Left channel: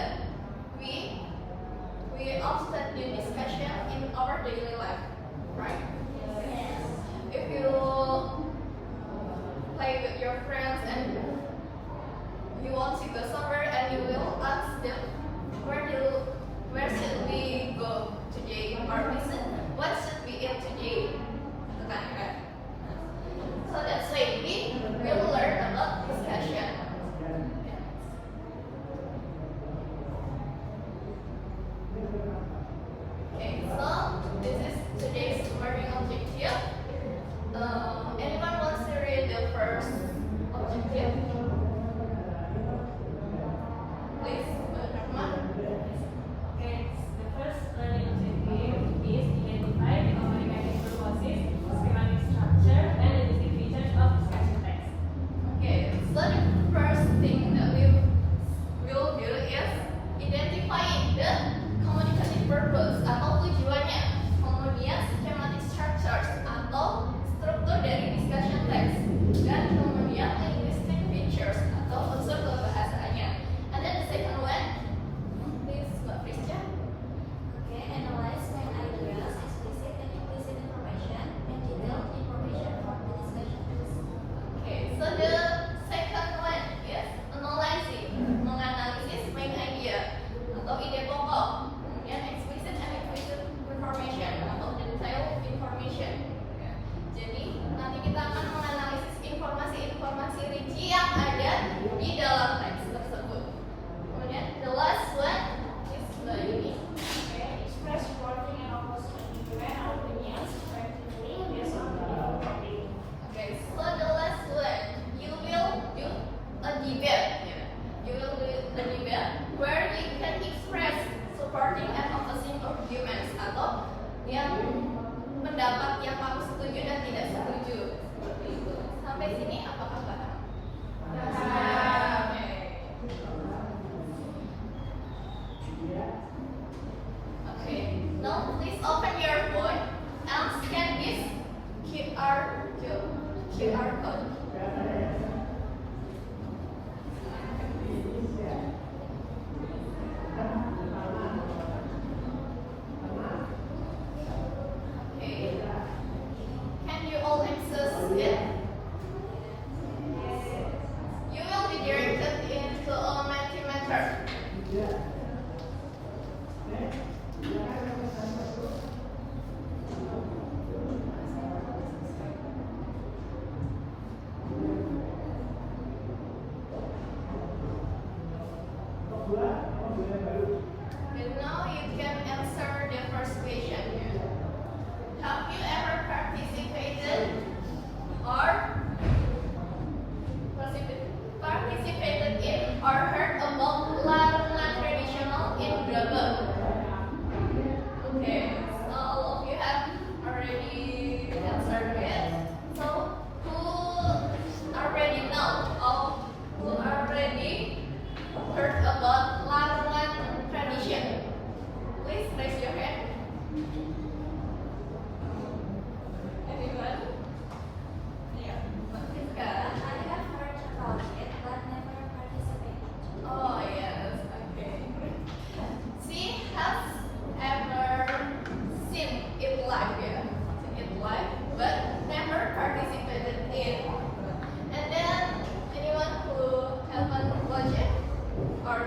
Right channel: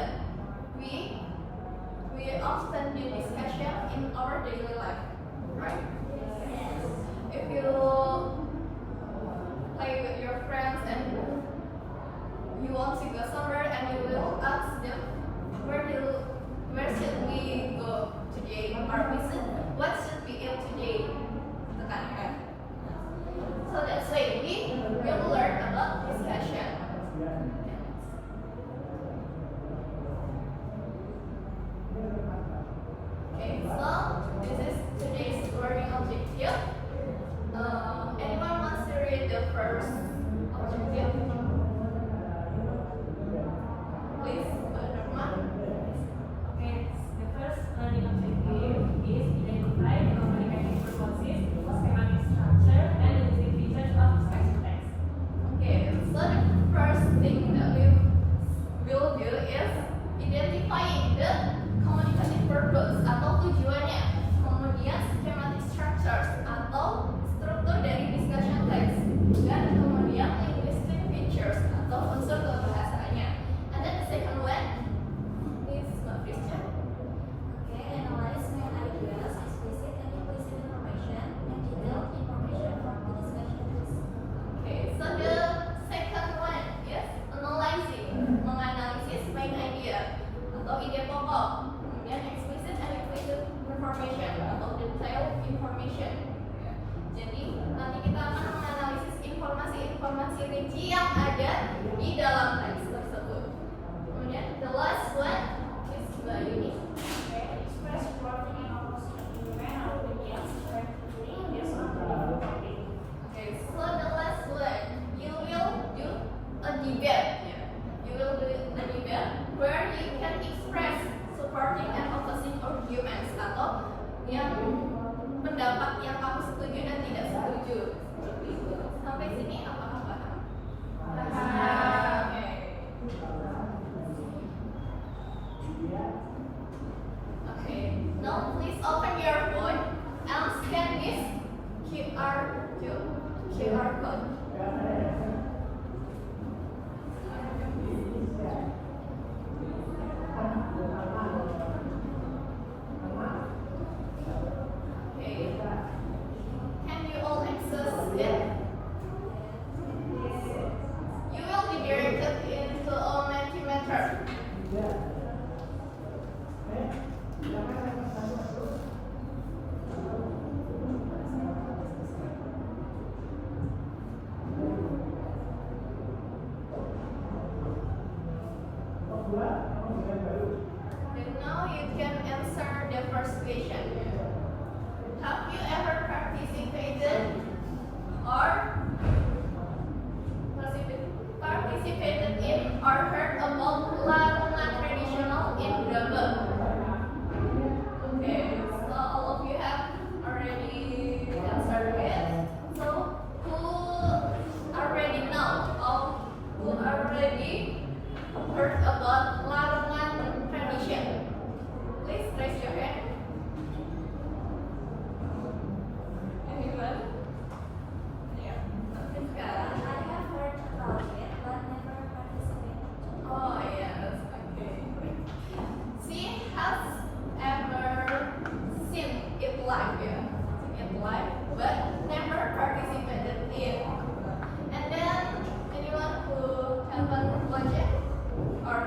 that we often do discussion in our daily life, right? Yes. If you play with your friends and you want to go somewhere and you will ask them where should we go today, or what should we eat today? Gitu kan, ya? So that's why we will learn about discussion. Okay, so this is today's learning objective. Anyone wants to read the first objective? Please, Rahman. Okay, the first learning objective is identify the communication purposes, schematic structure, and the features of discussion text. Okay, so the first thing that we will do is identifying the communicative purpose atau tujuannya. Kemudian schematic structures atau struktur dari discussion text, dan kemudian linguistic features atau unsur kebahasanya. And then the second one, please Mbak Prisca. Okay, analyze main ideas, explicit and implicit information, and detailed information from the discussions. Okay, so the second one is analyzing, menganalisis main idea atau ide pokok. Kemudian explicit and implicit information atau detailed information. Jadi nanti kita akan menganalisis informasi-informasi rinci yang ada di dalam teks tersebut. Kemudian the last one is Mbak Yuni. Okay, express supporting and opposing argument or opinions effectively based on the given topic. Okay, so the last one, you will do a debate. You will do a debate where you can express supporting and opposing arguments atau yang pendapat yang kamu setuju dan tidak setuju. Seperti itu. Sampai sini apakah paham? Paham. Okay. Now please open your phone and scan this QR code. Okay. Can you all access it? You will be directed into a Mentimeter. And now you can answer the first question. Have you ever participated in or heard about Larungan traditional in Brebes? Okay, so all of you have already answered it. So who already know or who already heard about Larungan tradition? Please raise your hand. Anyone? Yeah. I have heard about it, but never participated. Oh yes, okay. She has ever seen it live, but never participated in. And then anyone who haven't watched it or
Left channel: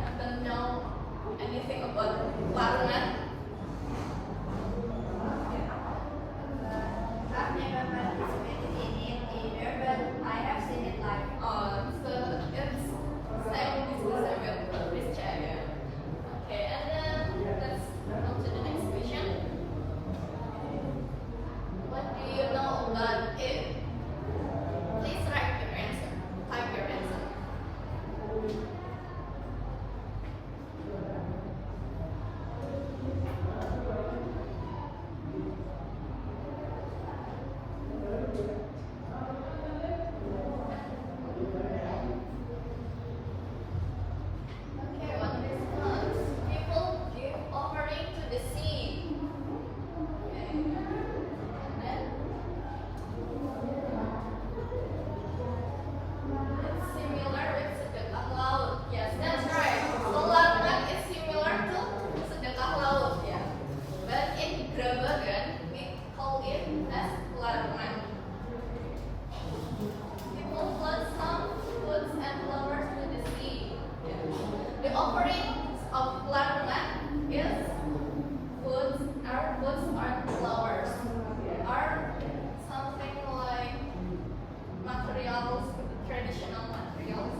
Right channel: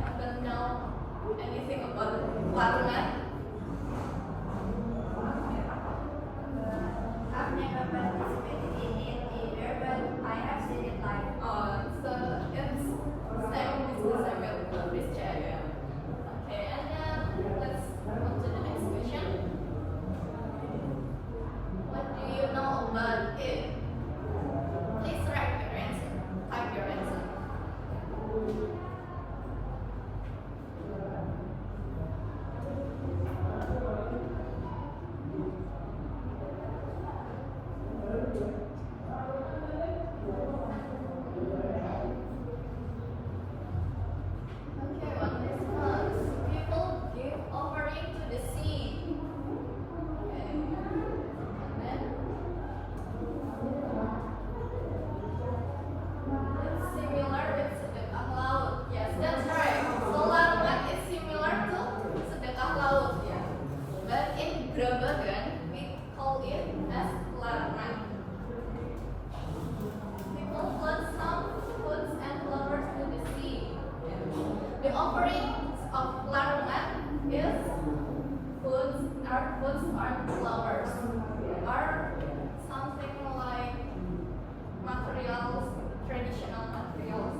haven't know anything about Larungan? I've never participated in it either, but I have seen it live. So it's same business I will put this chat. Okay, and then let's move on to the next question. What do you know about it? Please write your answer. Type your answer. The offering of Laruman is foods are flowers, are something like materials, traditional materials.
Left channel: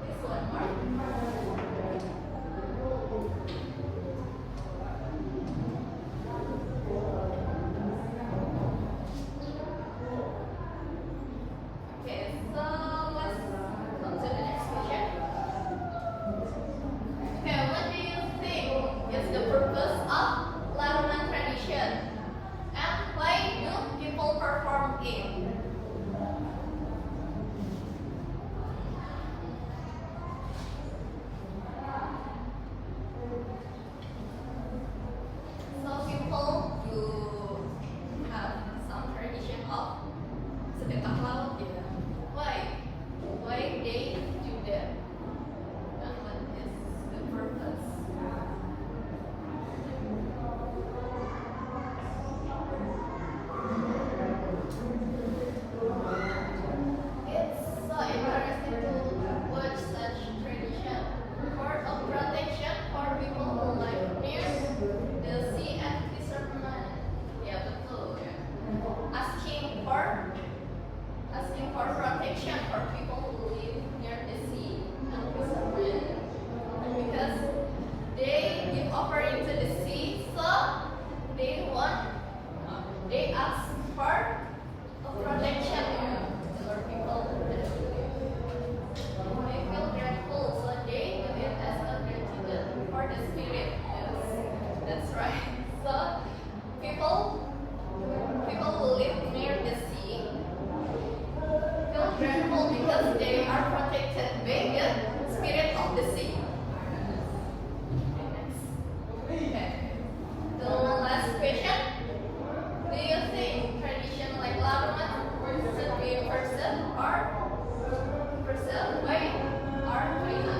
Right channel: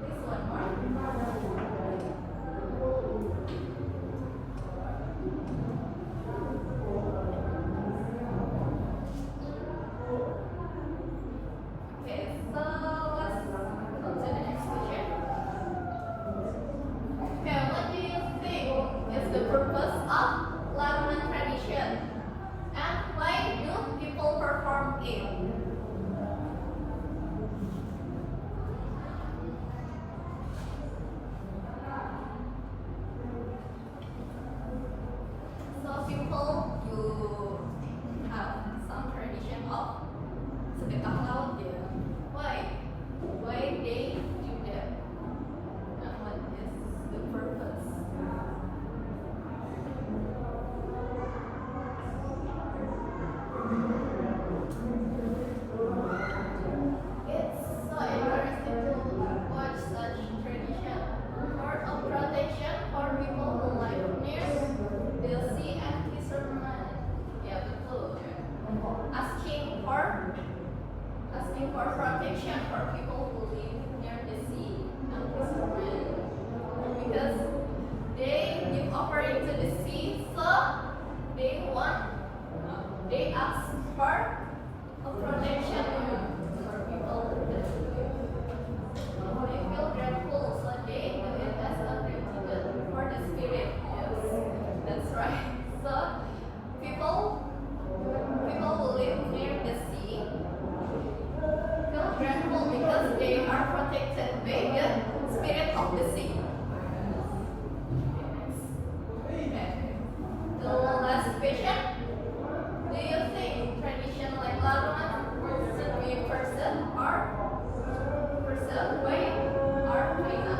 This one more. Okay, so let's come to the next question. Okay, what do you think is the purpose of Laruman tradition? And why do people perform it? So people do have some tradition of sedekah laut ya. Why? Why they do that? And what is the purpose? It's so interesting to watch such tradition. Part of protection for people who live near the sea and fishermen. Ya betul. Ya. Asking for protection for people who live near the sea and fishermen. Because they give offering to the sea, so they ask for a protection for people that they feel grateful, so they do it as a gratitude for the spirit. Yes, that's right. So people who live near the sea feel grateful because they are protected by the spirit of the sea. Okay. The last question. Do you think tradition like Laruman should be preserved or preserved by our China?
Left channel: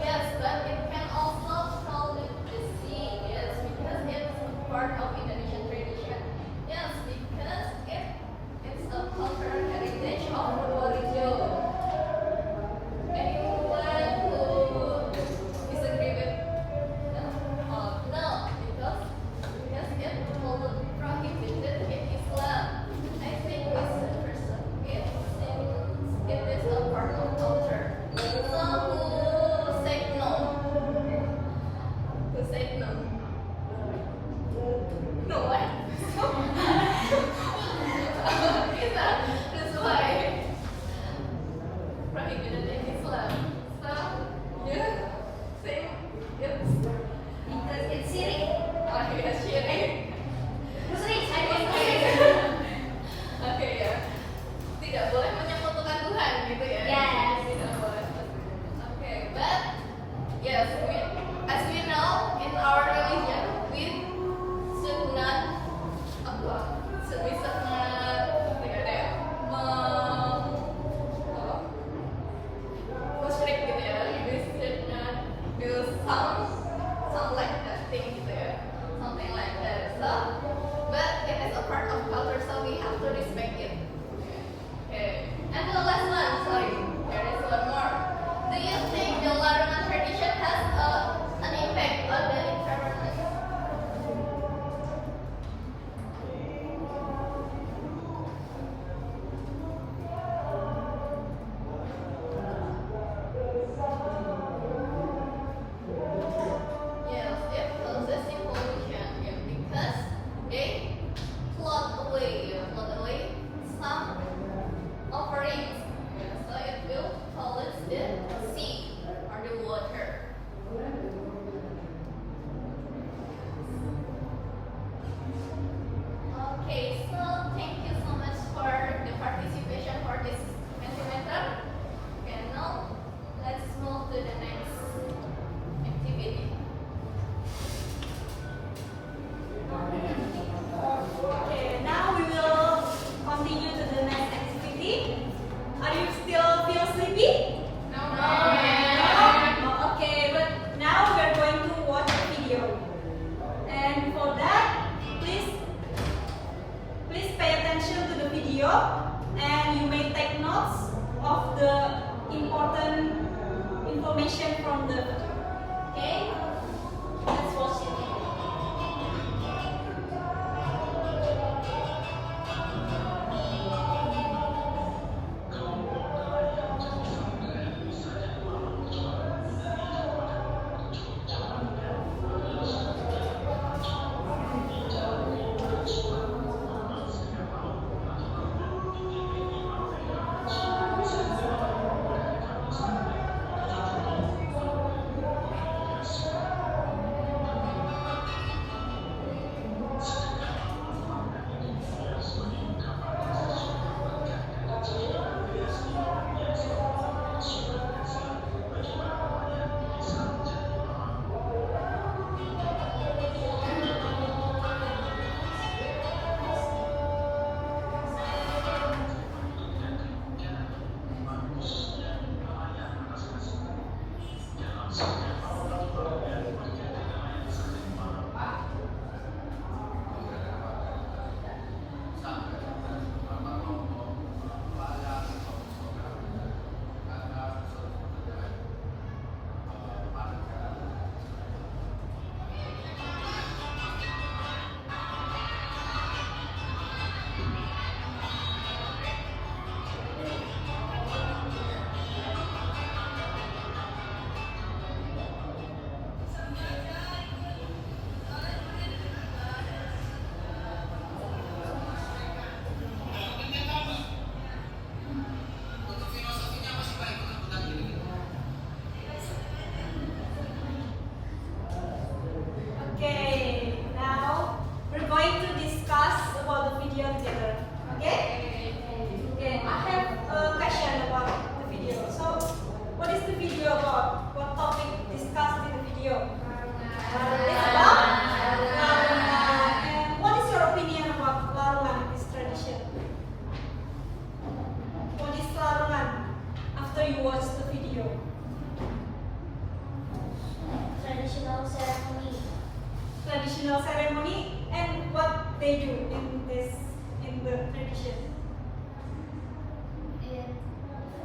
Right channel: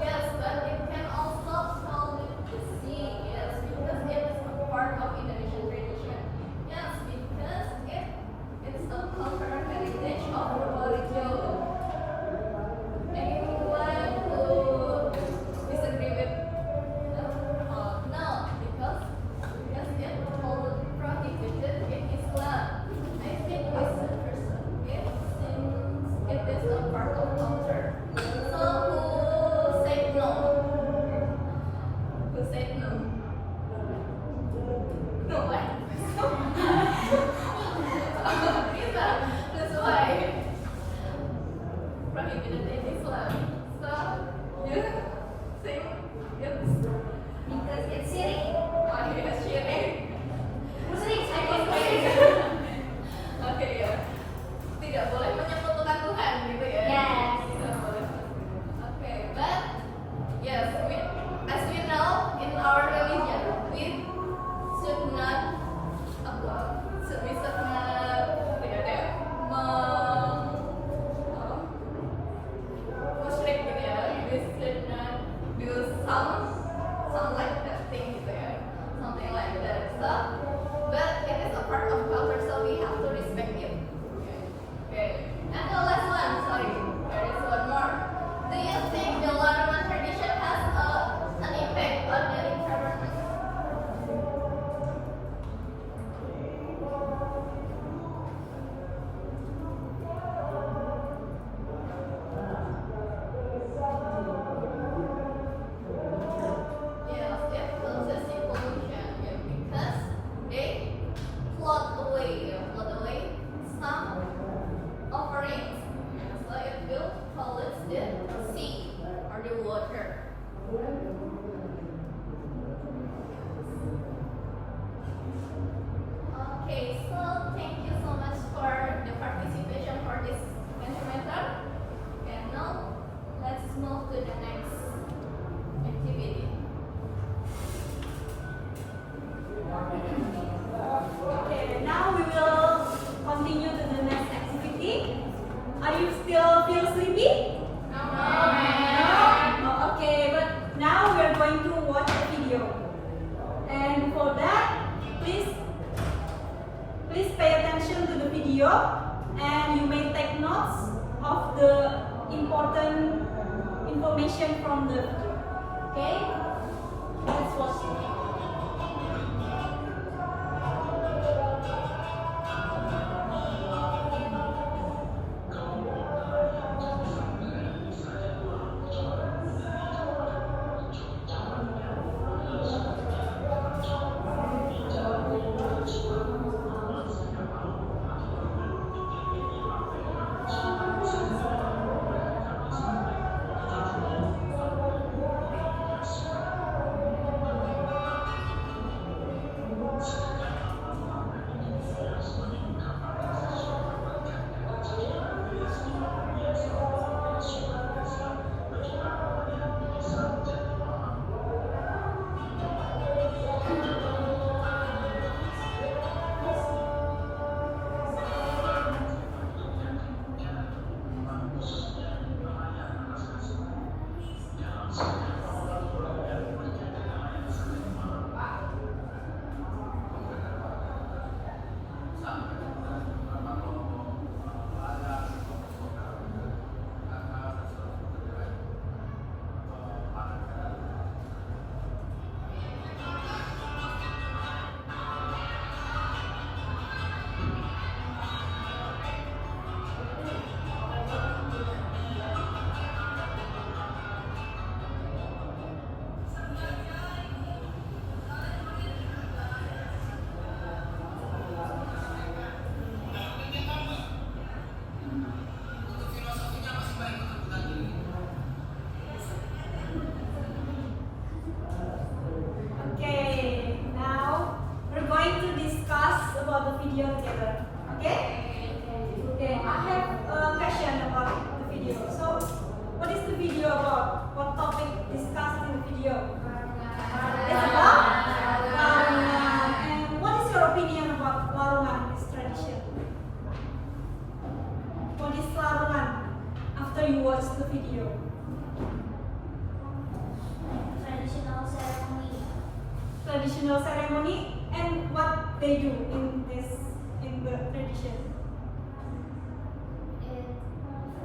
Yes, but it can also call it the sea, yes, because it's a part of Indonesian tradition. Yes, because it's a cultural heritage of Probolinggo. Anyone who disagree with no, because it's prohibited in Islam. I think we should preserve it since it is a part of culture. So who said no? Who said no? No what? That's why prohibited in Islam. So you think it's Because it's syirik. syirik? Musrik, saya Oke ya. Tidak boleh menyekutukan Tuhan gitu ya. Ya. Tidak boleh. Are you still feel sleepy? No, No? Okay, but now we are going to watch a video. And for that, please pay attention to the video and you may take notes of the important information from the video. Okay? Let's watch it. Okay, now we're going to discuss about the video together. Okay? Okay, I have a question about the video. So, what is the video about? What topic discussed in the video? It's about Larungan. And what is your opinion about Larungan, this tradition? What is Larungan after you watch the video? Traditional ceremony. Traditional ceremony and what they do in the tradition. It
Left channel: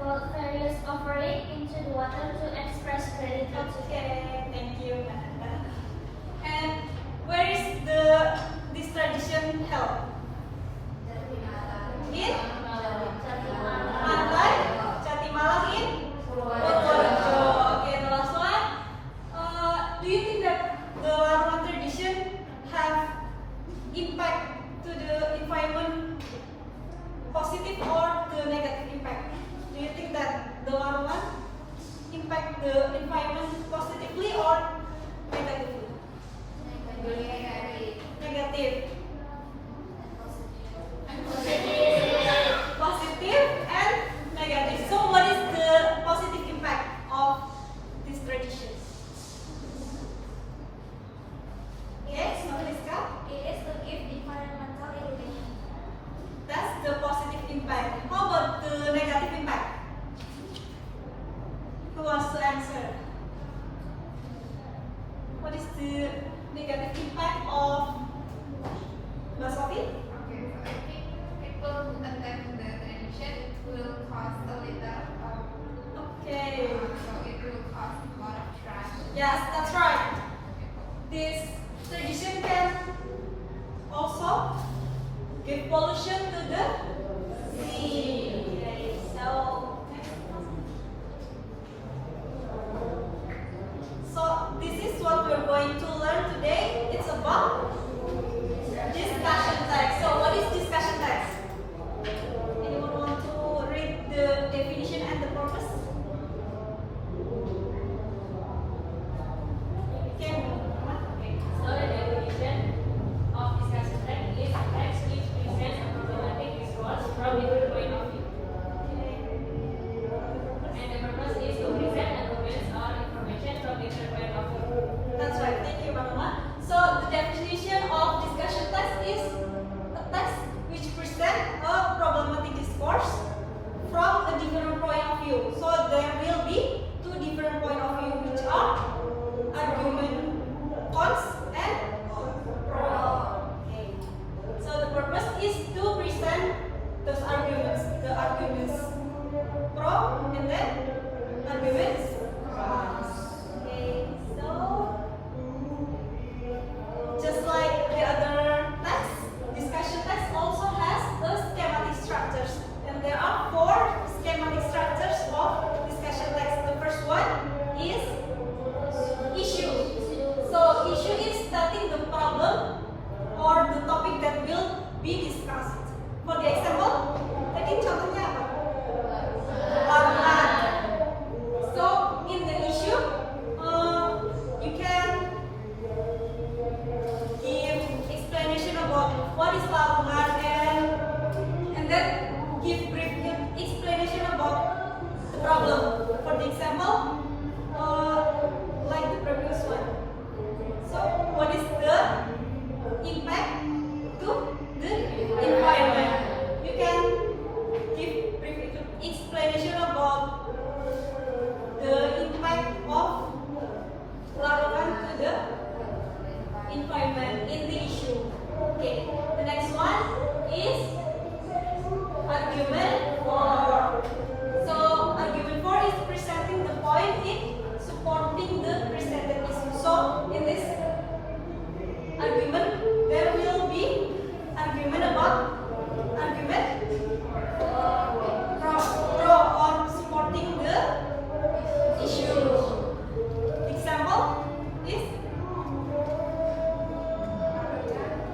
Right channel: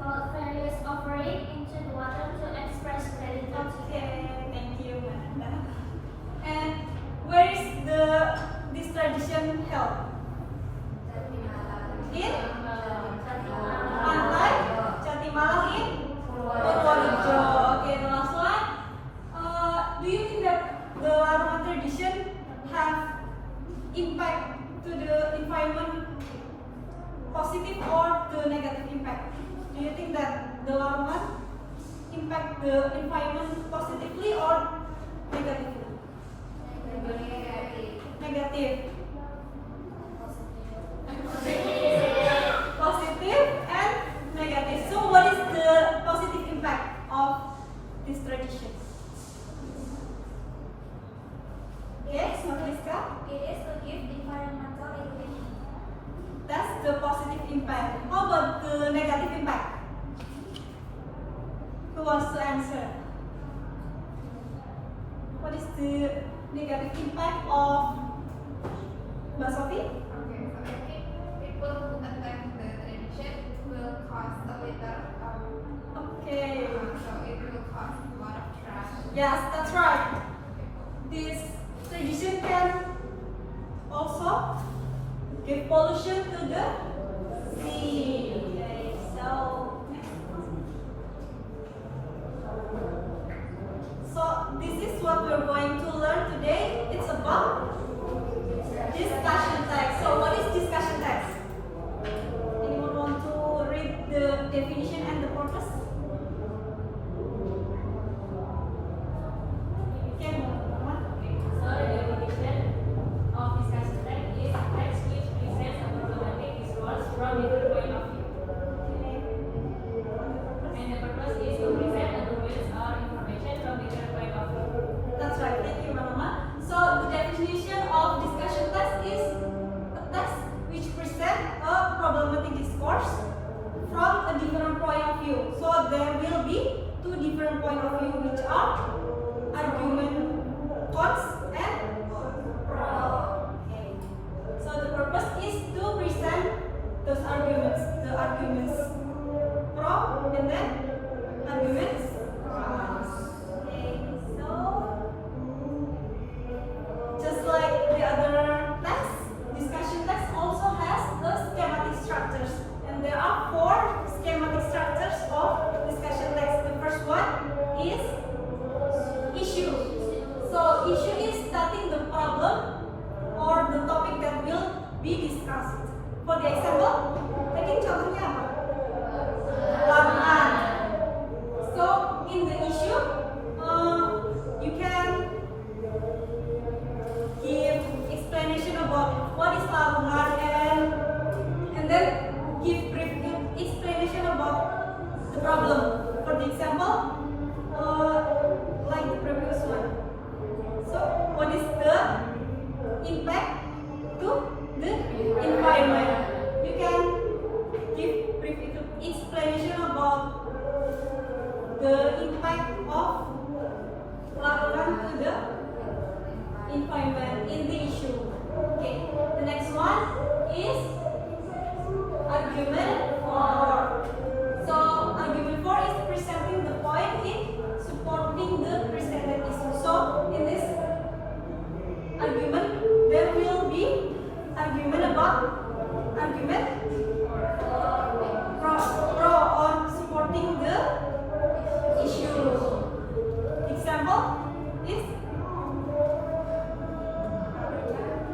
for various offering into the water to express gratitude. Okay, thank you, Ananda. And where is this tradition held? In Pantai Jatimalang in Purworejo. Okay, the last one. Do you think that the Larungan tradition have impact to the environment, positive or the negative impact? Do you think that the Larungan impact the environment positively or negatively? Negative. Positive and negative. So what is the positive impact of this tradition? Yes, Nafriska? It is to give environmental education. That's the positive impact. How about the negative impact? Who wants to answer? What is the negative impact of Mbak Sophie? Okay, so I think people who attend the tradition will cause a litter Okay. so it will cause a lot of trash. Yes, that's right. This tradition can also give pollution to the sea. Okay, so this is what we're going to learn today. It's about discussion text. So what is discussion text? Anyone want to read the definition and the purpose? Okay, Muhammad. So the definition of discussion text is text which presents a problematic discourse from different point of view. And the purpose is to present arguments or information from different point of view. That's right. Thank you, Muhammad. So the definition of discussion text is a text which presents a problematic discourse from a different point of view. So there will be two different point of view, which are argument cons and pro. Okay. So the purpose is to present those arguments, the arguments pro and then arguments cons. Okay. So just like the other text, discussion text also has the schematic structures, and there are four schematic structures of discussion text. The first one is issue. So issue is stating the problem or the topic that will be discussed. For the example, tadi contohnya apa? Larangan. So in the issue, you can give explanation about what is larangan and then give brief explanation about the problem. For the example, like the previous one. So what is the impact to the environment? You can give brief explanation about the impact of larangan to the environment in the issue. Okay, the next one is argument for. So argument for is presenting the point in supporting the presented issue. So in this argument, there will be argument about argument pro or supporting the issue. Example is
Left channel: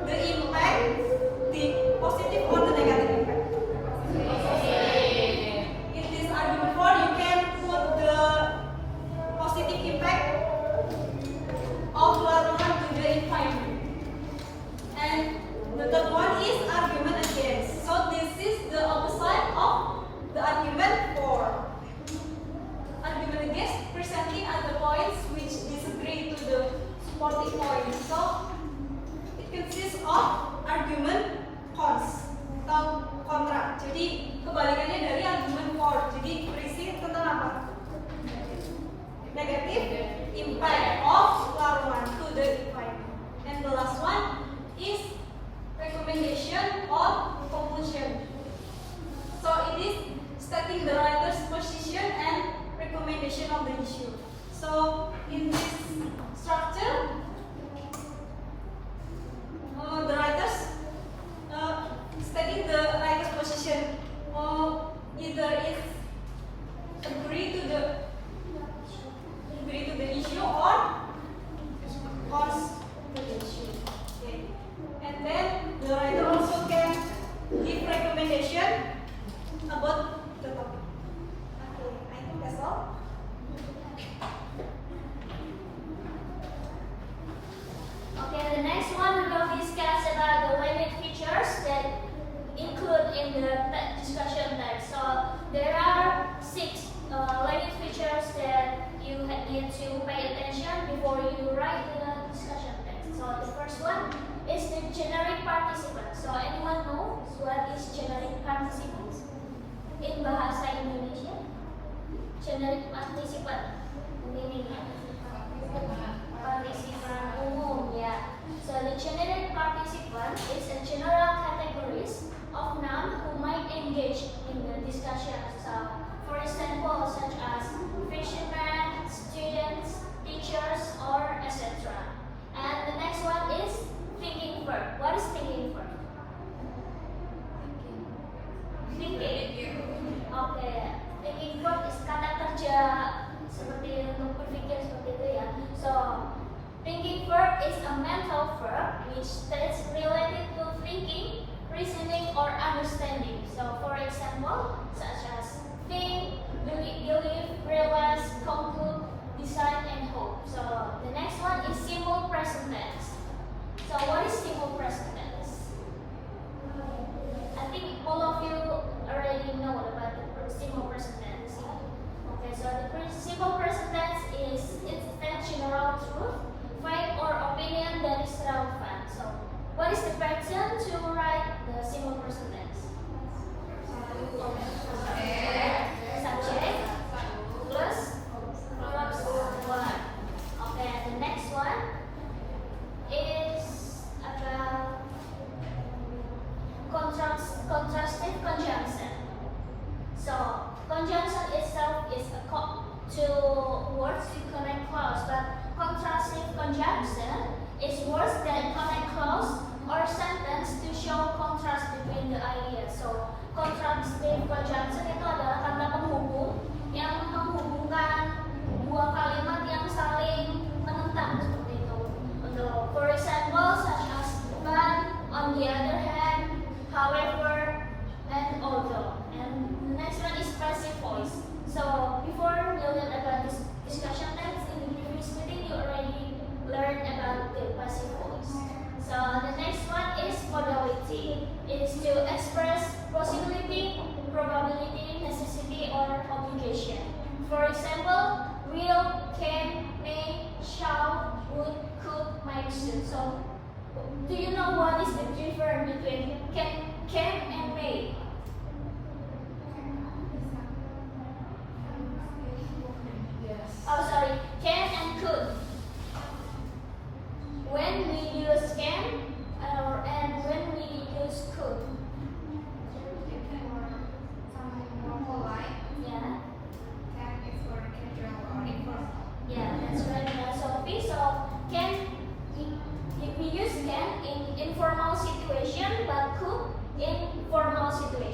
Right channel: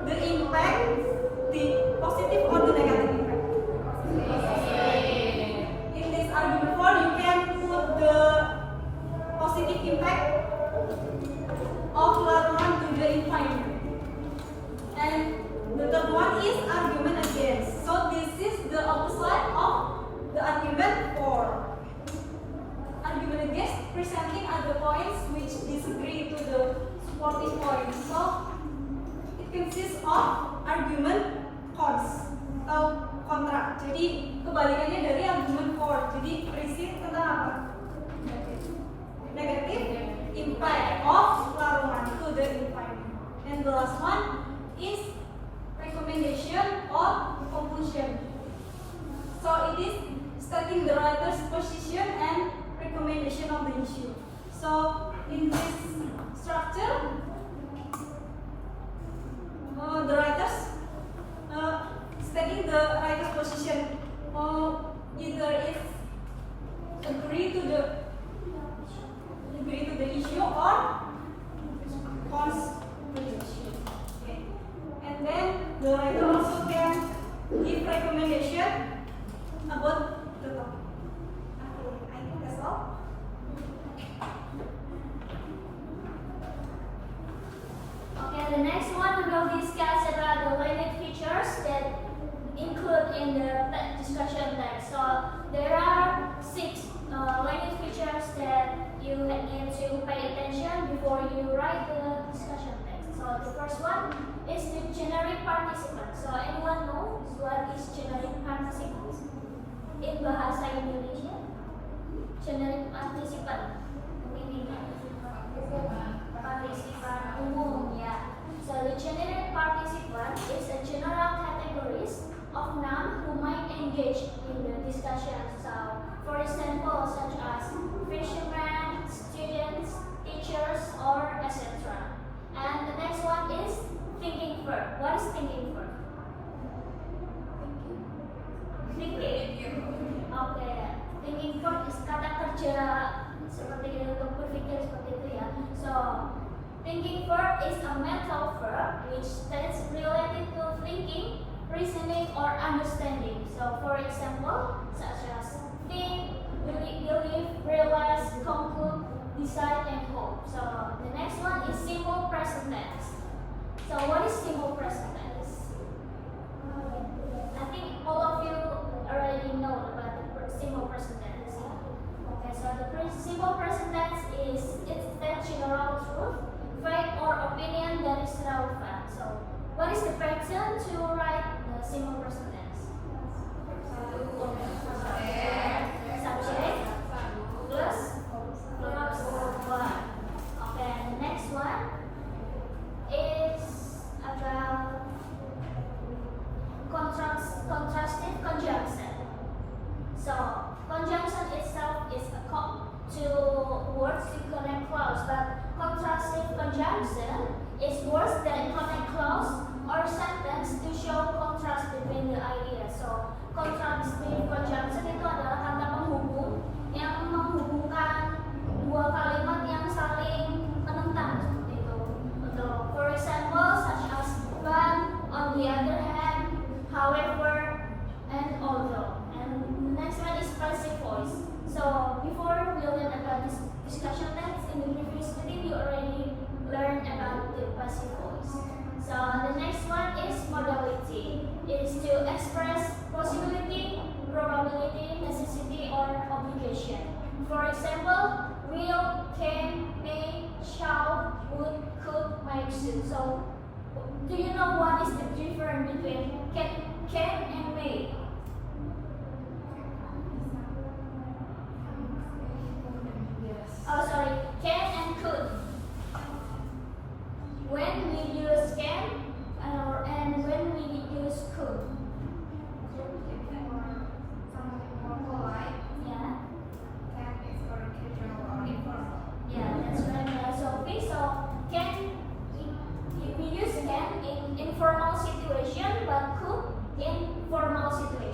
the impact, the positive or the negative impact. In this argument for, you can put the positive impact of larangan to the environment. And the third one is argument against. So this is the opposite of the argument for. Argument against presenting other points which disagree to the supporting points. So it consists of argument cons atau kontra. Jadi kebalikannya dari argument for. Jadi berisi tentang apa? Negative impact of larangan to the environment. And the last one is recommendation or conclusion. So it is stating the writer's position and recommendation of the issue. So in this structure, the writers stating the writer's position, either it agree to the issue or cons to the issue. Okay. And then the writer also can give recommendation about the topic. Okay, I think that's all. Okay, the next one we will discuss about the language features that include in the discussion text. So there are 6 language features that you need to pay attention before you write the discussion text. So the first one is the generic participant. So anyone know what is generic participant in bahasa Indonesia? Generic participant meaning participan umum, yeah. So the generic participant is a general categories of noun who might engage in the discussion. So for example, such as fishermen, students, teachers, or etc. And the next one is thinking verb. What is thinking verb? Thinking. Okay. Thinking verb is kata kerja seperti untuk berpikir seperti itu ya. So thinking verb is a mental verb which is related to thinking, reasoning, or understanding. So for example, such as think, believe, realize, conclude, decide, and hope. So the next one is simple present tense. So what is simple present tense? I think all of you already know about the simple present tense. Okay, so the simple present tense is it's general truth, fact, or opinion that is relevant. So what is the pattern to write the simple present tense? conjunction is words that connect clause or sentence to show contrast between the ideas. So, contrastive conjunction itu adalah kata penghubung yang menghubungkan dua kalimat yang saling menentang seperti itu. For example, such as but, on the other hand, however, and although. And the next one is passive voice. So before we learn about this discussion text in the previous meeting, you already learned about the passive voice. So the next one is modality. It is to express possibility, probability, necessity, or obligation. For example, will, can, may, shall, would, could, might, should. So do you know what is the difference between can and may? Oh, sorry, can and could. When we use can and when we use could. Yeah. Yeah, that's right, Sophie. So can if we use can in informal situation, but could in formal situation.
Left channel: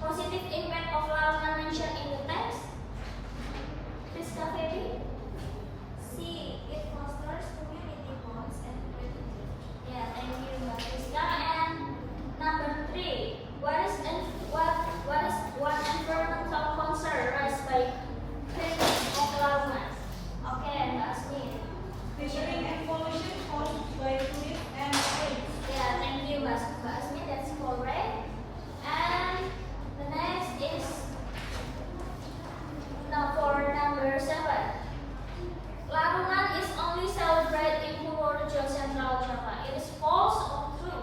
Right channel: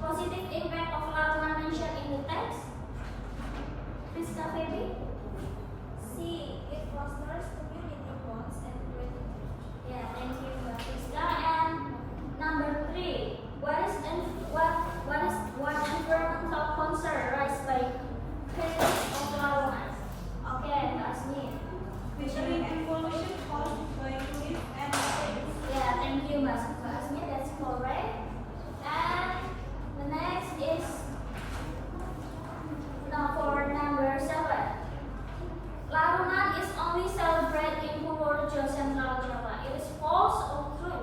positive impact of larangan mentioned in the text? Priska Febi? C. It fosters community bonds and gratitude. Yeah, thank you, Mbak Priska. And number 3, what is one environmental concern raised by critics of larangan? Okay, Mbak Asmi. Measuring and pollution caused by fluid and waste. Yeah, thank you, Mbak Asmi. That's correct. And the next is now for number 7. Larangan is only celebrated in Purworejo, Central Java. It is false or true?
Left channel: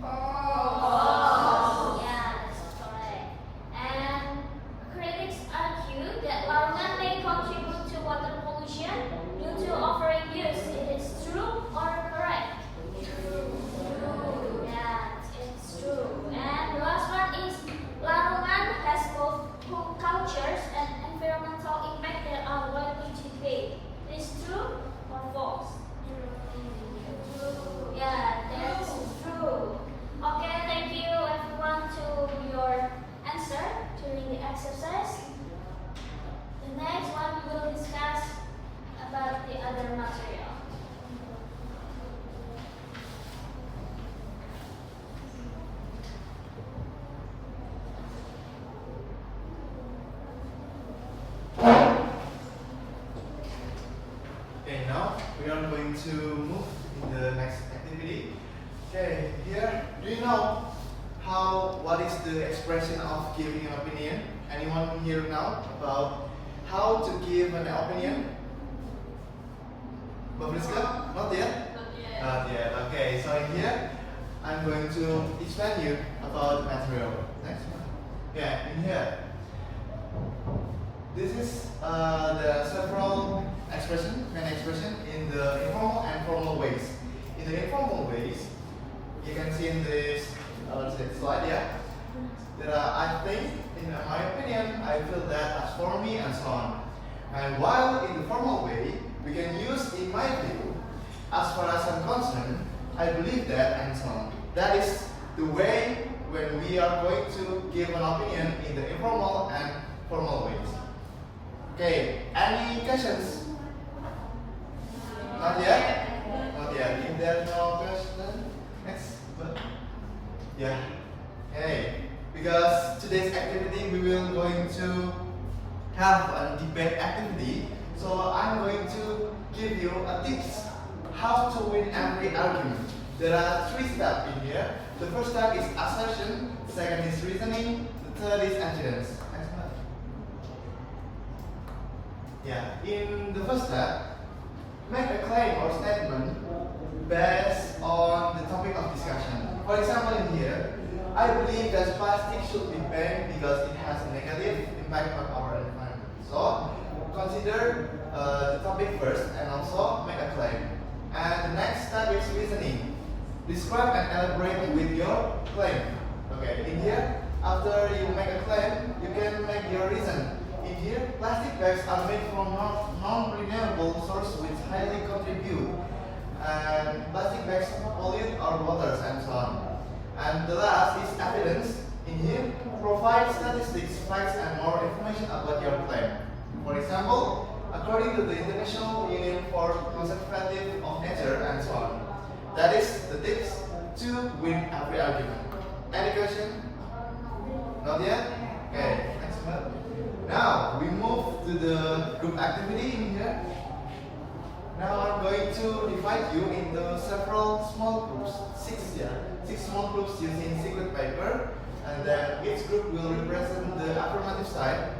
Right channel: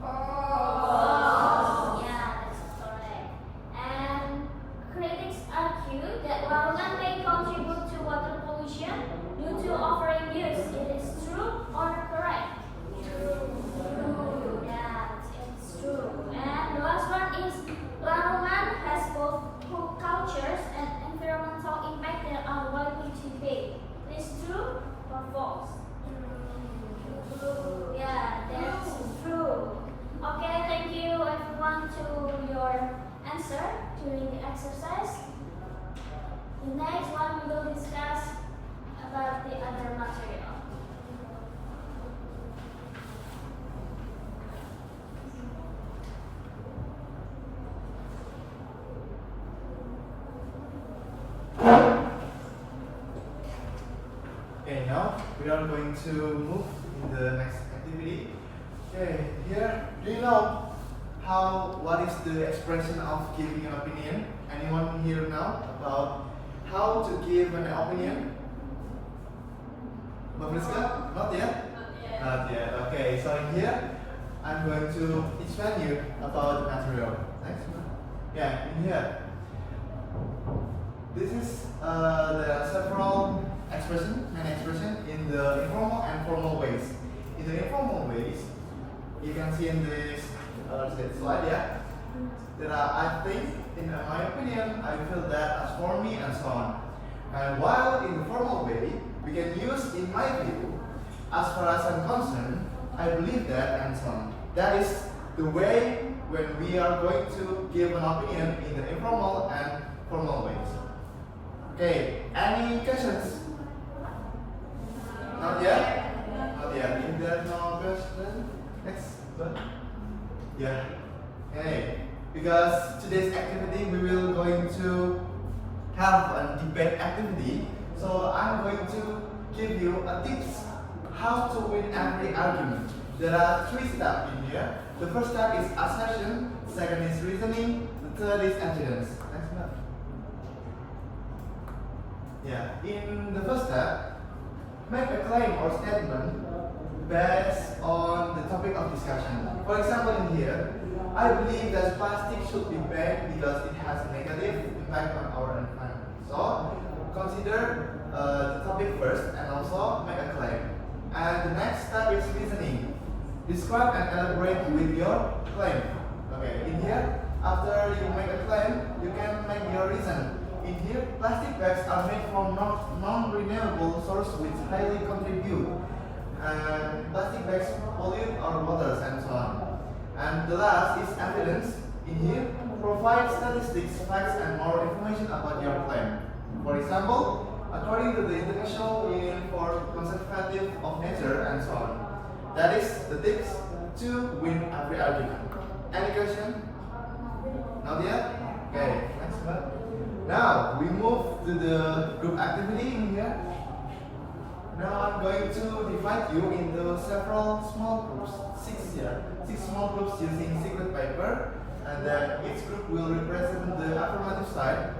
False. Yeah, that's correct. And critics argue that larangan may contribute to water pollution due to overuse. It is true or correct? True. Yeah, it's true. And the last one is larangan has both cultures and environmental impact that are likely to debate. It is true or false? True. Yeah, that's true. Okay, thank you everyone to your answer during the exercise. The next one we will discuss about the other material. Okay, now we are going to move in the next activity. Okay, here, do you know what is the expression of giving an opinion? Anyone here now about how to give an opinion? Babriska? Not yet? Not yet. Okay, so in here, I'm going to explain you about material. Next one. Okay, in here. This is there are several main expression in the informal and formal ways. In the informal ways, you can see in this slide, yeah. There are, I think, in my opinion, I feel that as for me and so on. And while in the formal way, we can use in my view, as far as I'm concerned, I believe that and so on. That is the way when we are going to give an opinion in the informal and formal ways. Okay, any questions? Not yet? Not yet. If there is no question, next. Yeah. Okay. Because today's activity we will going to have a debate activity. So I'm going to give you a tips how to win every argument. There are 3 steps in here. The first step is assertion, second is reasoning, the third is evidence. Next one. Yeah. In the first step, make a claim or statement based on the topic of discussion. For example, in here, I believe that plastic should be banned because it has a negative impact on our environment. So, consider the topic first and also make a claim. And the next step is reasoning. Describe and elaborate with your claim. Okay, in here, after you make a claim, you can make your reason. In here, plastic bags are made from non-renewable sources which highly contribute. And plastic bags pollute our waters and so on. And the last is evidence. In here, provide statistics, facts, and more information about your claim. For example, according to the International Union for Conservation of Nature and so on. That is the tips to win every argument. Any question? Not yet? Okay, next one. Now we move to the group activity in here. Now I'm going to divide you into several small groups, 6 here. 6 small groups using secret paper, and then each group will represent the affirmative side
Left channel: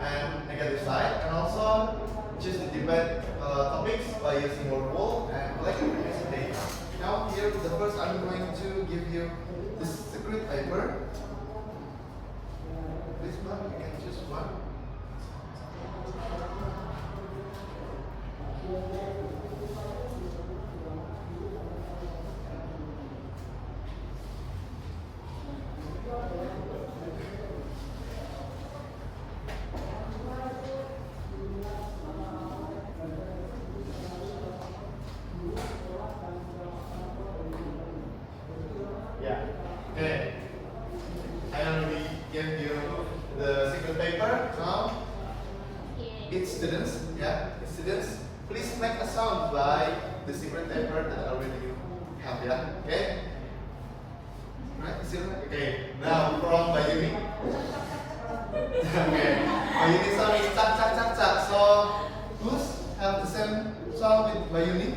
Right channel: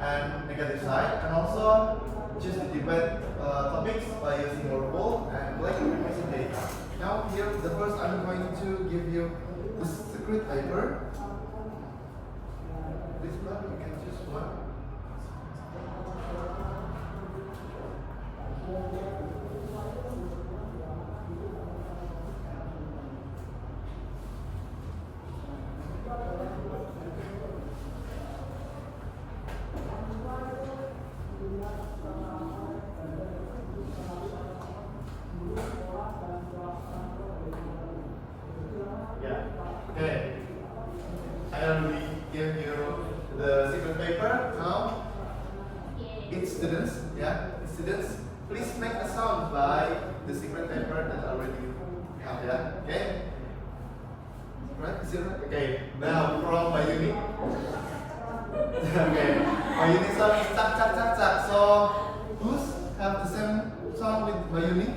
and negative side, and also choose the debate topics by using your poll and collect information data. Now here, the first I'm going to give you the secret paper. This one, you can choose one. Yeah. Okay. Now, each students, please make a sound by the secret paper that already you have, yeah. Okay. Right? Is it right? Okay. Now from Bayuni. Okay. Bayuni sound is tak tak tak tak. So who's have the same sound with Bayuni?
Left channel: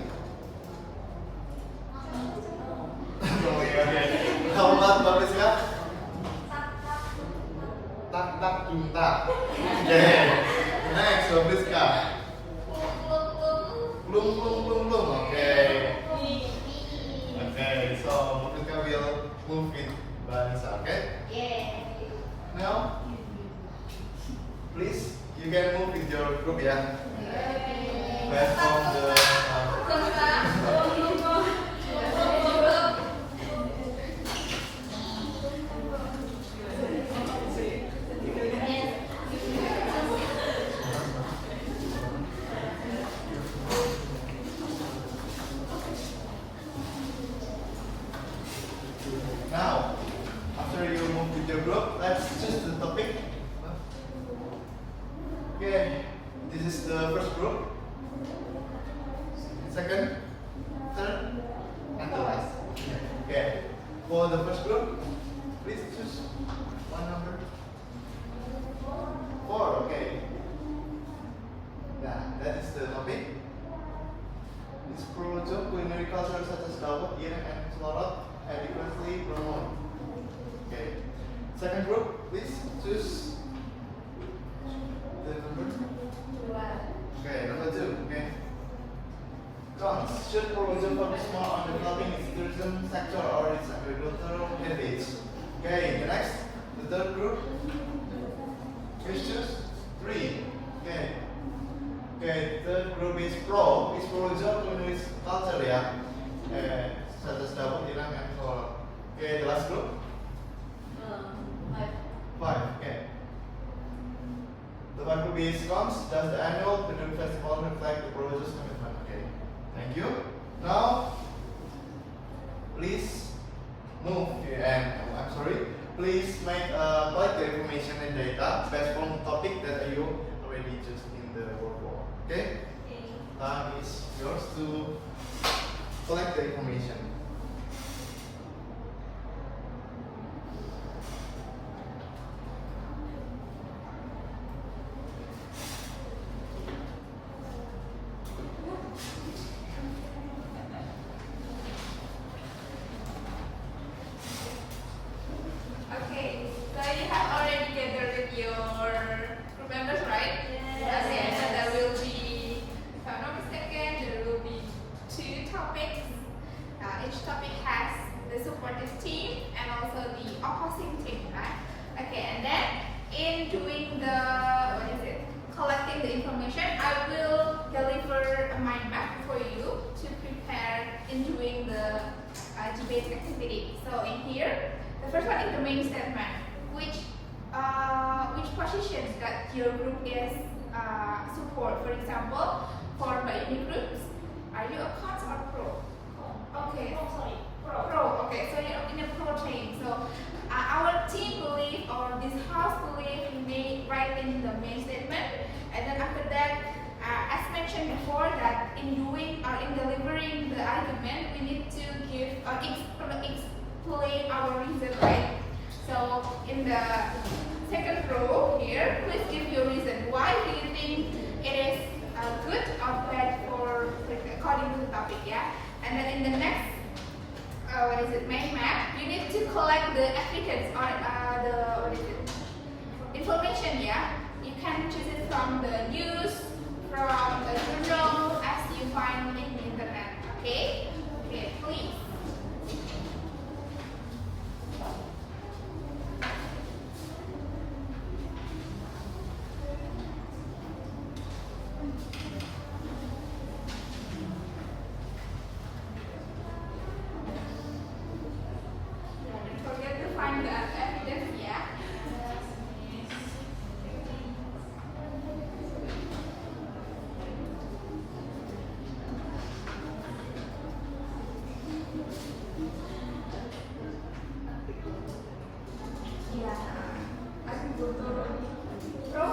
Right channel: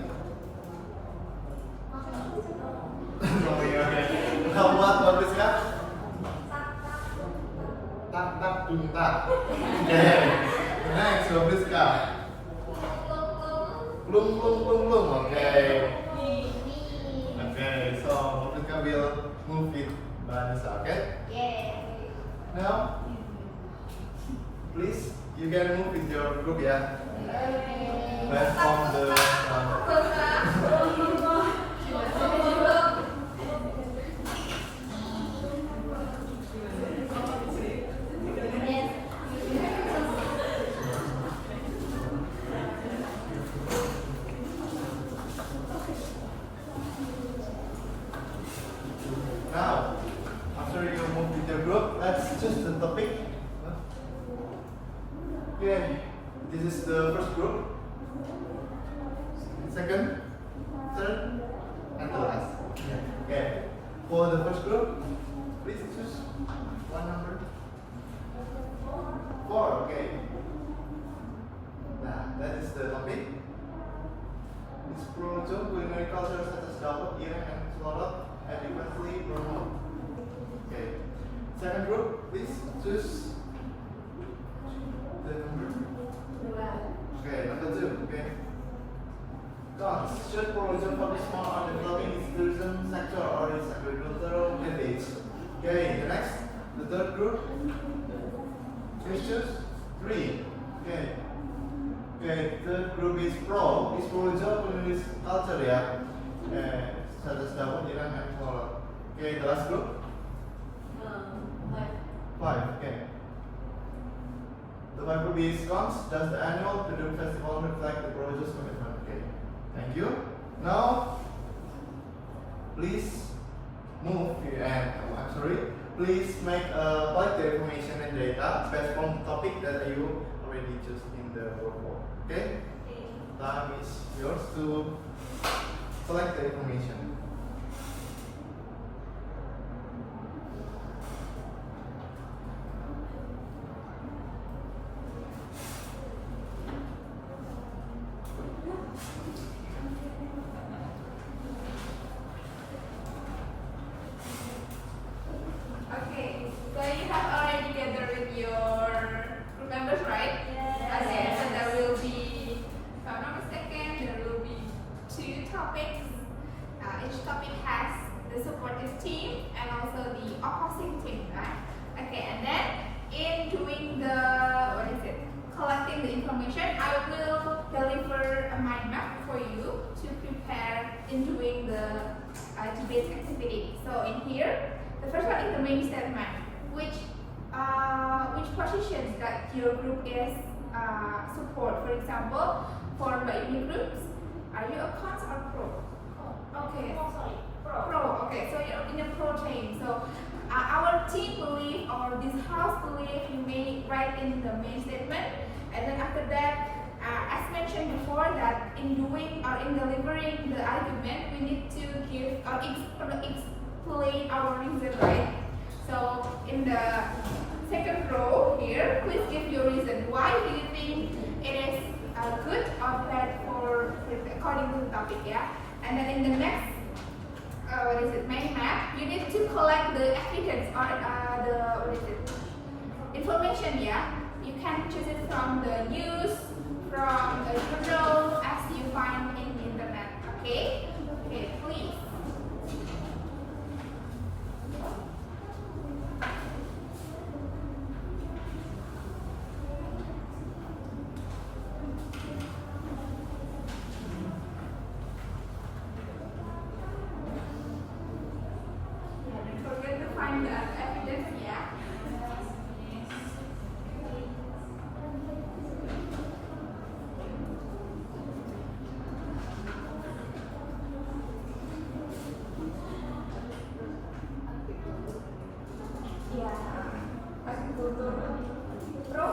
Okay. How about Babiska? Tak tak tung tak. Okay. Next, Babiska. Plum plum plum plum. Okay. Okay. So Babiska will move with Vanessa. Okay. Yeah. Now, please, you can move with your group, yeah. Right from the. Now, after you move with your group, let's choose the topic. Okay, this is the first group. Second, third, and the last. Okay, for the first group, please choose one number. 4, okay. Nah, that is the topic. Explore culinary culture such as dawet, ireng, and selorot adequately promote. Okay. Second group, please choose the number. Okay, number 2. Okay. Cons. Should Purworejo focus more on developing its tourism sector or its agricultural habits? Okay. The next, the third group. Please choose 3. Okay. Okay. Third group is pro. Is Purworejo culinary culture, yeah. Such as dawet, ireng, and selorot. Okay. The last group. 5. Okay. The 5 group is cons. Does the annual Pendekatan festival reflect the Purworejo's commitment? Okay. Thank you. Now, please move and I'm sorry. Please make collect the information and data based on the topic that you already chose in the workbook. Okay. Time is yours to collect the information. Okay, so you have already gathered with your group members, right? Yes. Okay, so there will be, if I'm not mistaken, there will be 2 topics. Each topic has the supportive team and also the opposing team, right? Okay, and then in doing the, collecting the information, I will deliver a mind map for you to prepare in doing the debate activity. So in here, the first one is the main statement, which positions that your group is support. For example, for Bayuni groups, are you a cons or pro? Okay. Oh, sorry. Pro. Okay, so you're in a pro team. So our team believe or this house believe you may write in the main statement, and then after that, as mentioned before, that in doing or in delivering the argument, we need to give or explain our reason, right? So in the second row here, please give your reason. Why do you think it is good or bad for according to the topic, yeah? And then in the next, main map, you need to collect the evidence or information, yeah? You can choose it from the news, from the journal, as you find in the internet, okay? Okay, please. Don't forget to find the evidence, yeah? Pro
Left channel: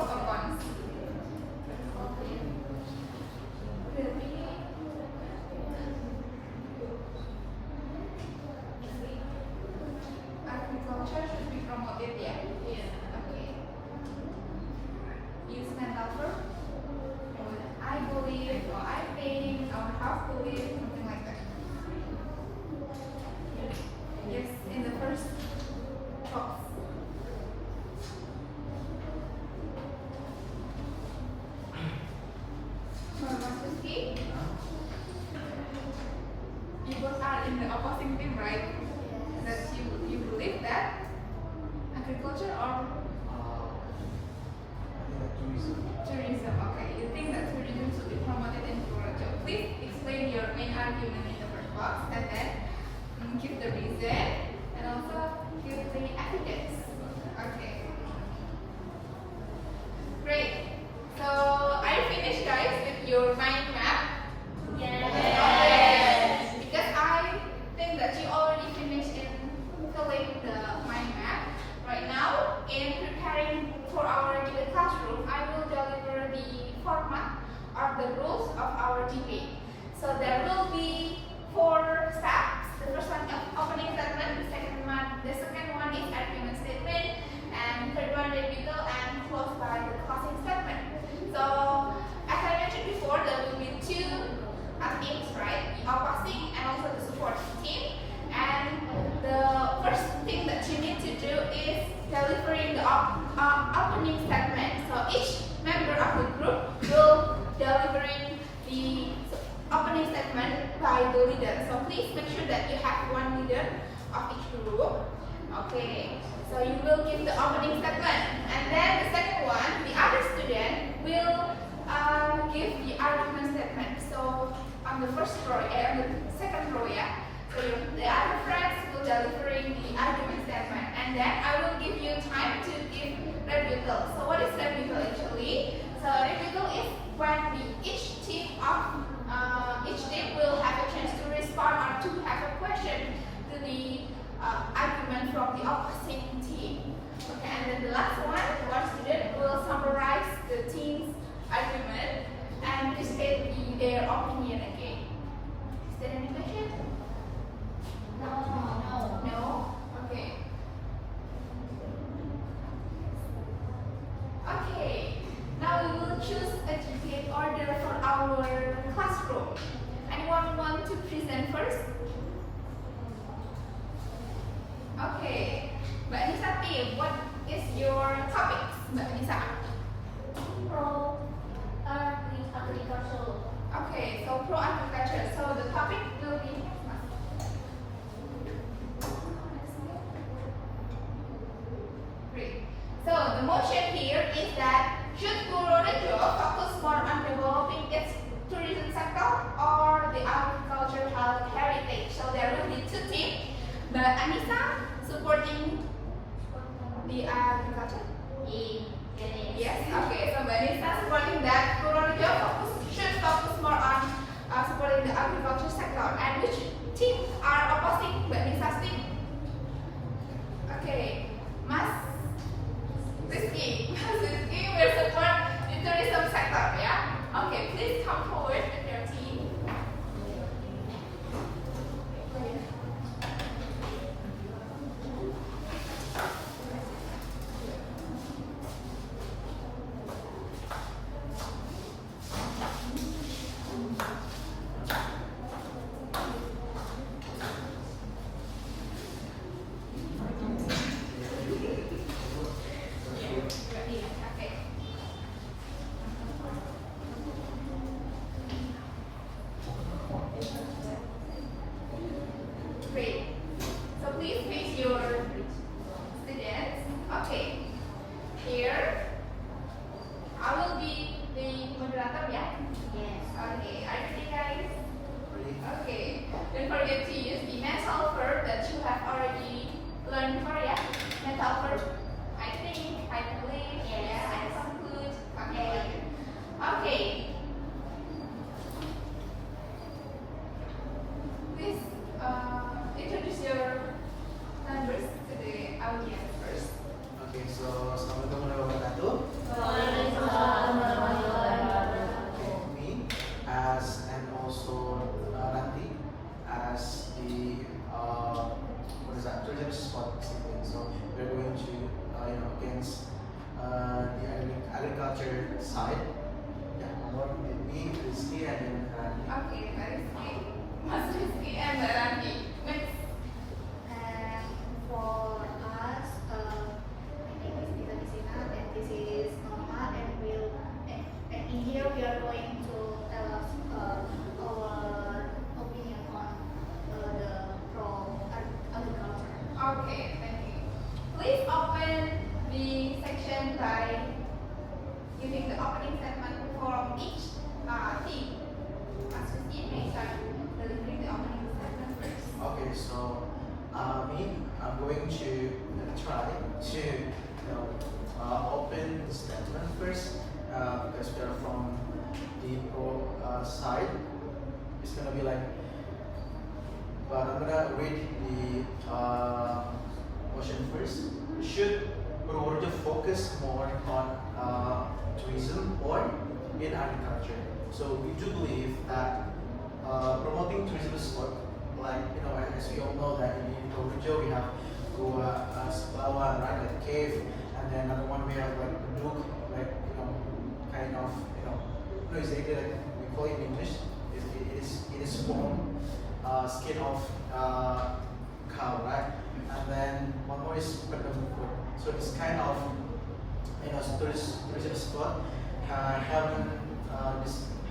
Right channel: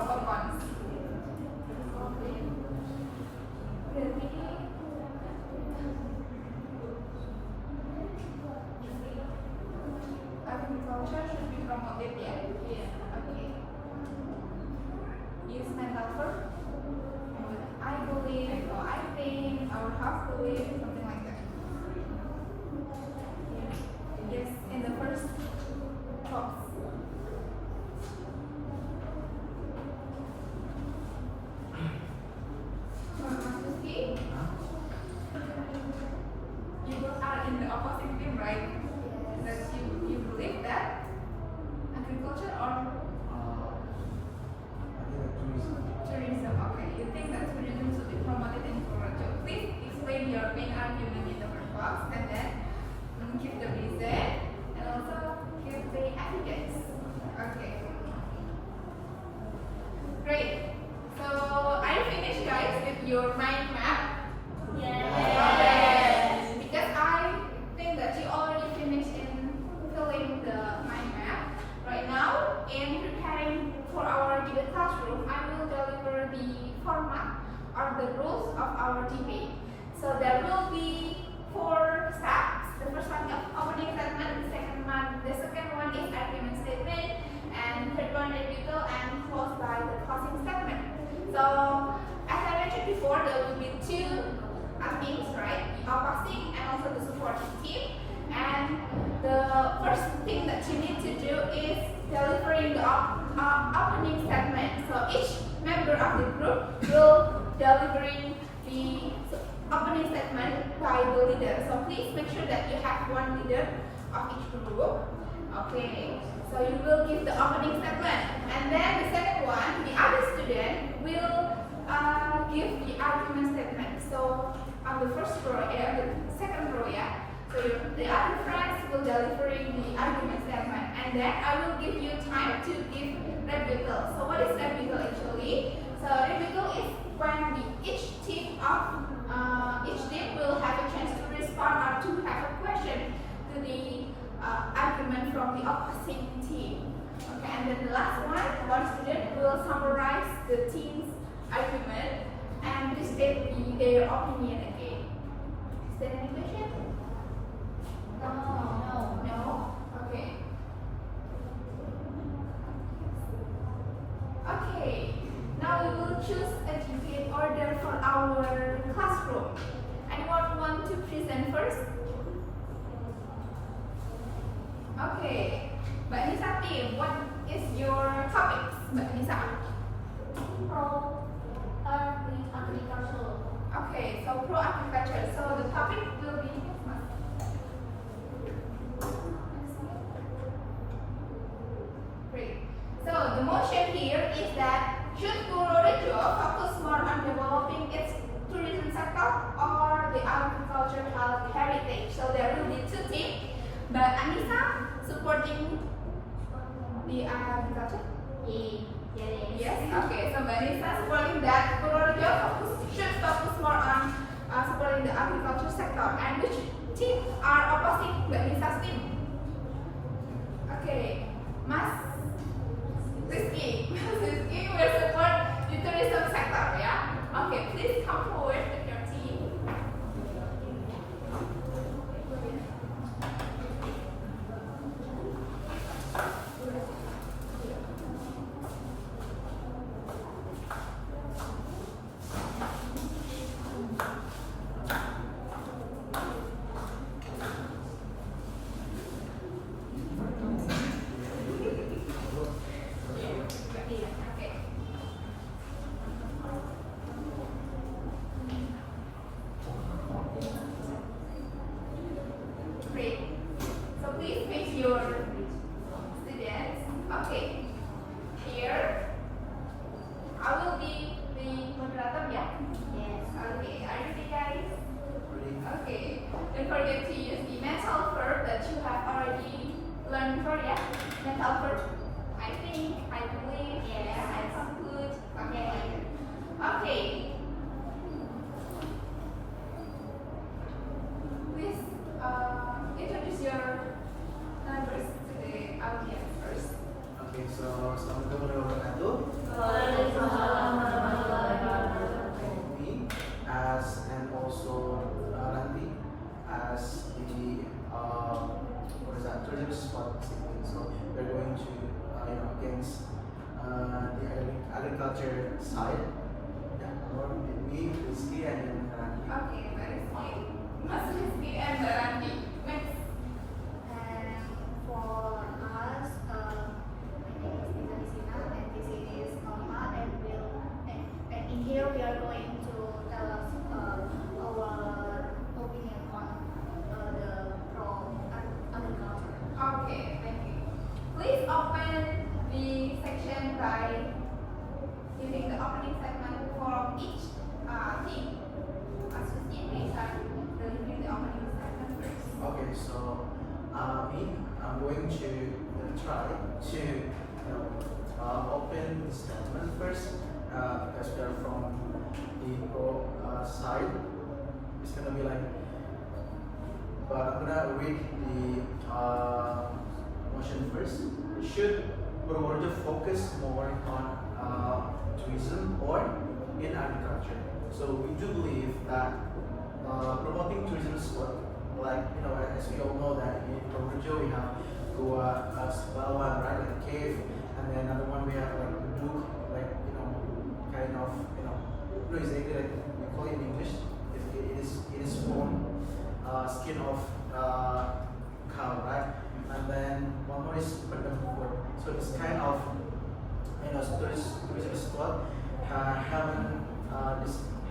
or tourism? Okay, you think that tourism should be promoted in Purworejo. Please explain your main argument in the first box and then give the reason and also give the evidence. Okay. Great. So are you finished, guys, with your mind map? Yes. Because I think that you already finished in filling the mind map. Right now, in preparing for our debate classroom, I will deliver the format or the rules of our debate. So there will be 4 steps. The first one is opening statement. The second one is argument statement, and third one rebuttal, and closed by the closing statement. So as I mentioned before, there will be 2 teams, right? The opposing and also the supporting team. And the first thing that you need to do is delivering the opening statement. So each member of the group will delivering the opening statement by the leader. So please make sure that you have 1 leader of each group. Okay. So you will give the opening statement, and then the second one, the other student will give the argument statement. So on the first row, the second row, yeah. So the other friends will delivering the argument statement, and then I will give you time to give rebuttal. So what is rebuttal actually? So rebuttal is when each team will have a chance to respond or to have a question to the argument from the opposite team. Okay, and then the last one student will summarize the team's argument and state their opinion again. Is there any question? No? Okay. Okay. Now we will choose a debate order for our classroom. Anyone want to present first? Okay. Mbak Nisati, what is your topic, Mbak Nisa? Pro agriculture. Okay, so pro agriculture. So the topic will be great. So the motion here is that should Purworejo focus more on developing its tourism sector or the agricultural heritage? So there will be 2 teams. Mbak Anissa supporting the agriculture? Yes. Okay. So Mbak Anissa supporting that Purworejo should focus more on supporting the agriculture sector. And which team are opposing Mbak Anissa's team? Okay, Mas Rizky will support the tourism sector, yeah? Okay, please come forward with your team. Great. So please face your students. Okay. Here, I will be the moderator, yeah? Yes. Okay. Are you ready, guys? Okay. Don't forget to use the mental verb that you have already learned before, yeah? Mental verb. I think, I believe, yeah, I conclude. Okay. Okay. Please introduce your members to the audience first. Okay, so Assalamualaikum warahmatullahi me as and also Ranti as the what is that tourism spot basically. So we're going to against the agriculture side. Yeah, me, Rizky, and then Ranti. Okay, Mas Rizky and Ranti. Next. And for us, my name is Nisa Disina, and this is Mama, and in here we are going to tell us our opinion on the pro agriculture. Okay, thank you. Please open the to open the statement first because we are from the pro side. It's gonna be like, but I'm gonna read the motion first. Should Purworejo focus more on tourism or in agriculture? So we do believe that promoting tourism spot, like as we all know that in Purworejo we have Goa, Sebawan, right, like a cave, and then another one we have like the book, like kind of no, it's exactly like we call it in English. It is bone, skin of cow, right? And then one more is Pendekatan. So it's kind of tourism spot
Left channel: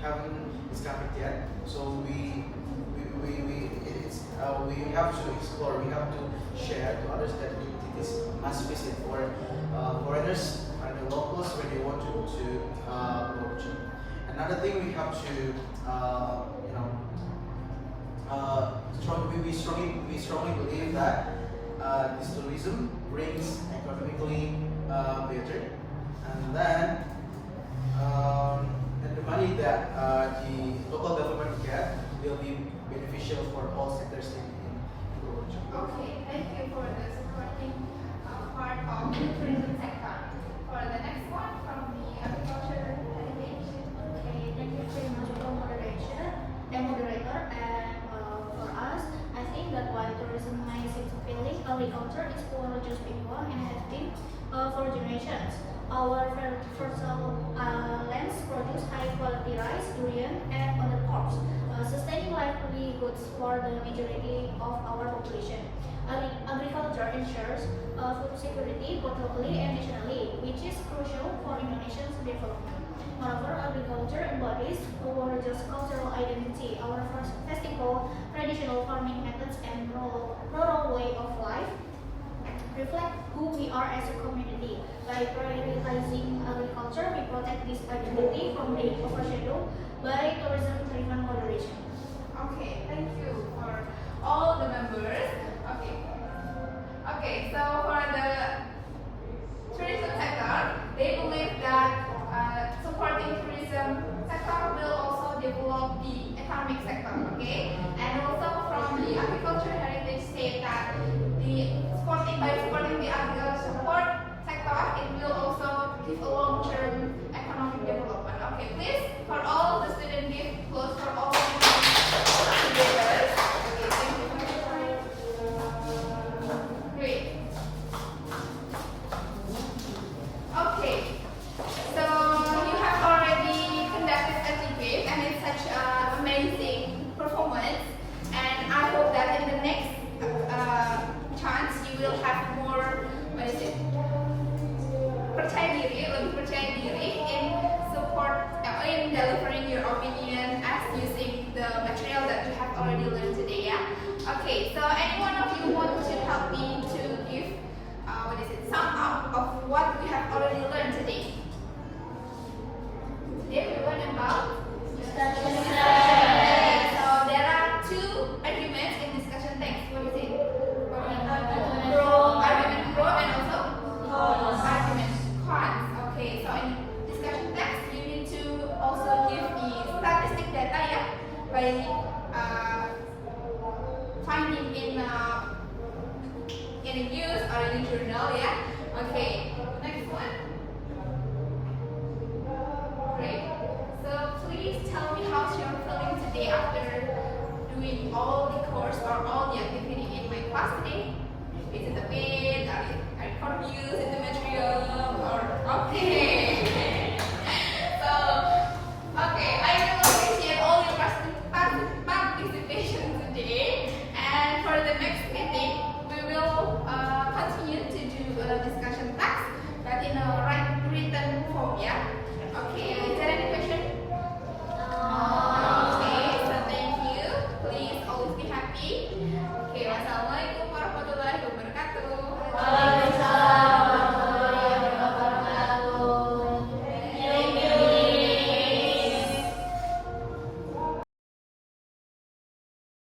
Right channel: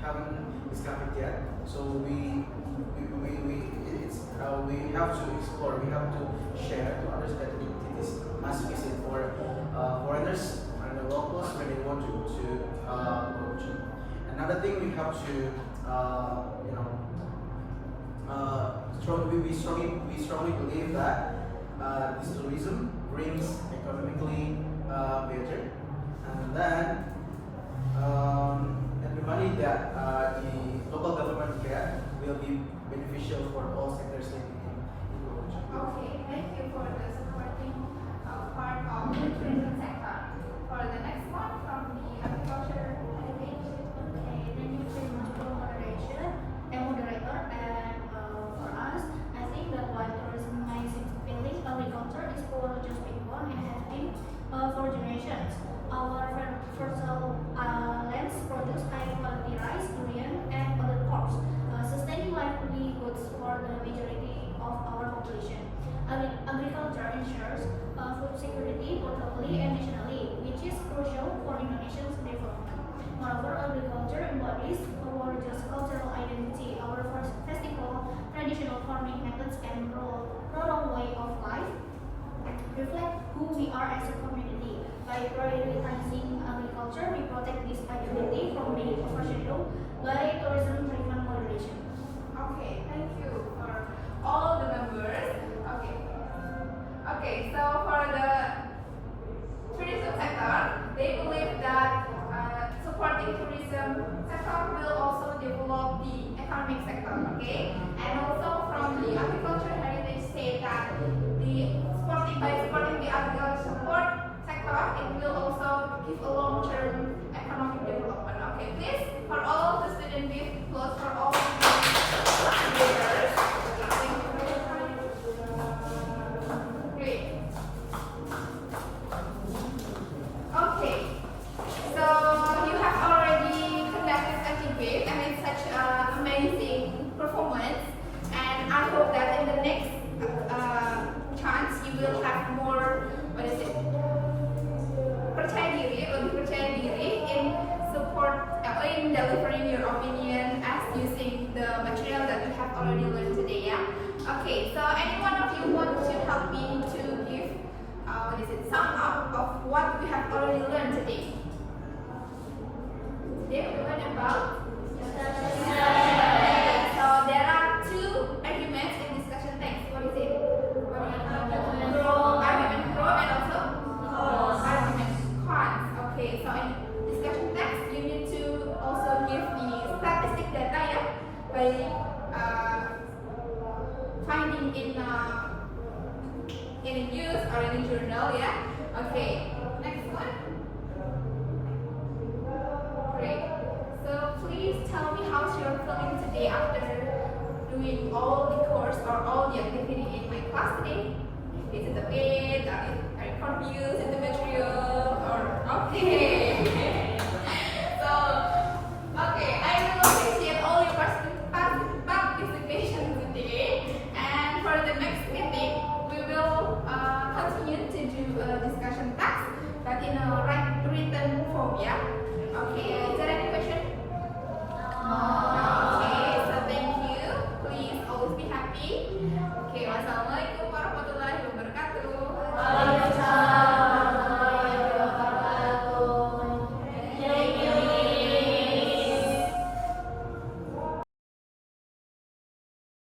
haven't discovered yet. So we have to explore. We have to share to others that it is must visit for foreigners and the locals when they want to go to. Another thing we have to we strongly believe that this tourism brings economically better, and then the money that the local government get will be beneficial for all sectors in Purworejo. Okay, thank you for the supporting part of the tourism sector. For the next one from the agriculture education. Okay, thank you very much for moderator. And for us, I think that while tourism may seem appealing, agriculture is Purworejo's big one and has been for generations. Our fertile lands produce high quality rice, durian, and other crops, sustaining livelihoods for the majority of our population. Agriculture ensures food security both locally and nationally, which is crucial for Indonesia's development. Moreover, agriculture embodies Purworejo's cultural identity. Our festival, traditional farming methods, and rural way of life reflect who we are as a community. By prioritizing agriculture, we protect this identity from being overshadowed by tourism-driven moderation. Okay, thank you for all the members. Okay, so for the tourism sector, they believe that supporting tourism sector will also develop the economic sector. Okay, and also from the agriculture heritage say that by supporting the agriculture support sector, it will also give a long-term economic development. Okay, please for all the student give close for all the leaders. Okay, thank you. Great. Okay, so you have already conducted a debate and it's such an amazing performance, and I hope that in the next chance you will have more, lebih percaya diri in delivering your opinion as using the material that you have already learned today. Yeah. Okay. So any one of you want to help me to give sum up of what we have already learned today? Today we learned about discussion text. So there are two arguments in discussion text. What is it? Argument pro and also argument cons. Okay, so in discussion text you need to also give the statistic data, yeah, by finding in a news or in a journal, yeah. Okay, next one. Great. So please tell me how's your feeling today after doing all the course or all the activity in my class today. Is it a bit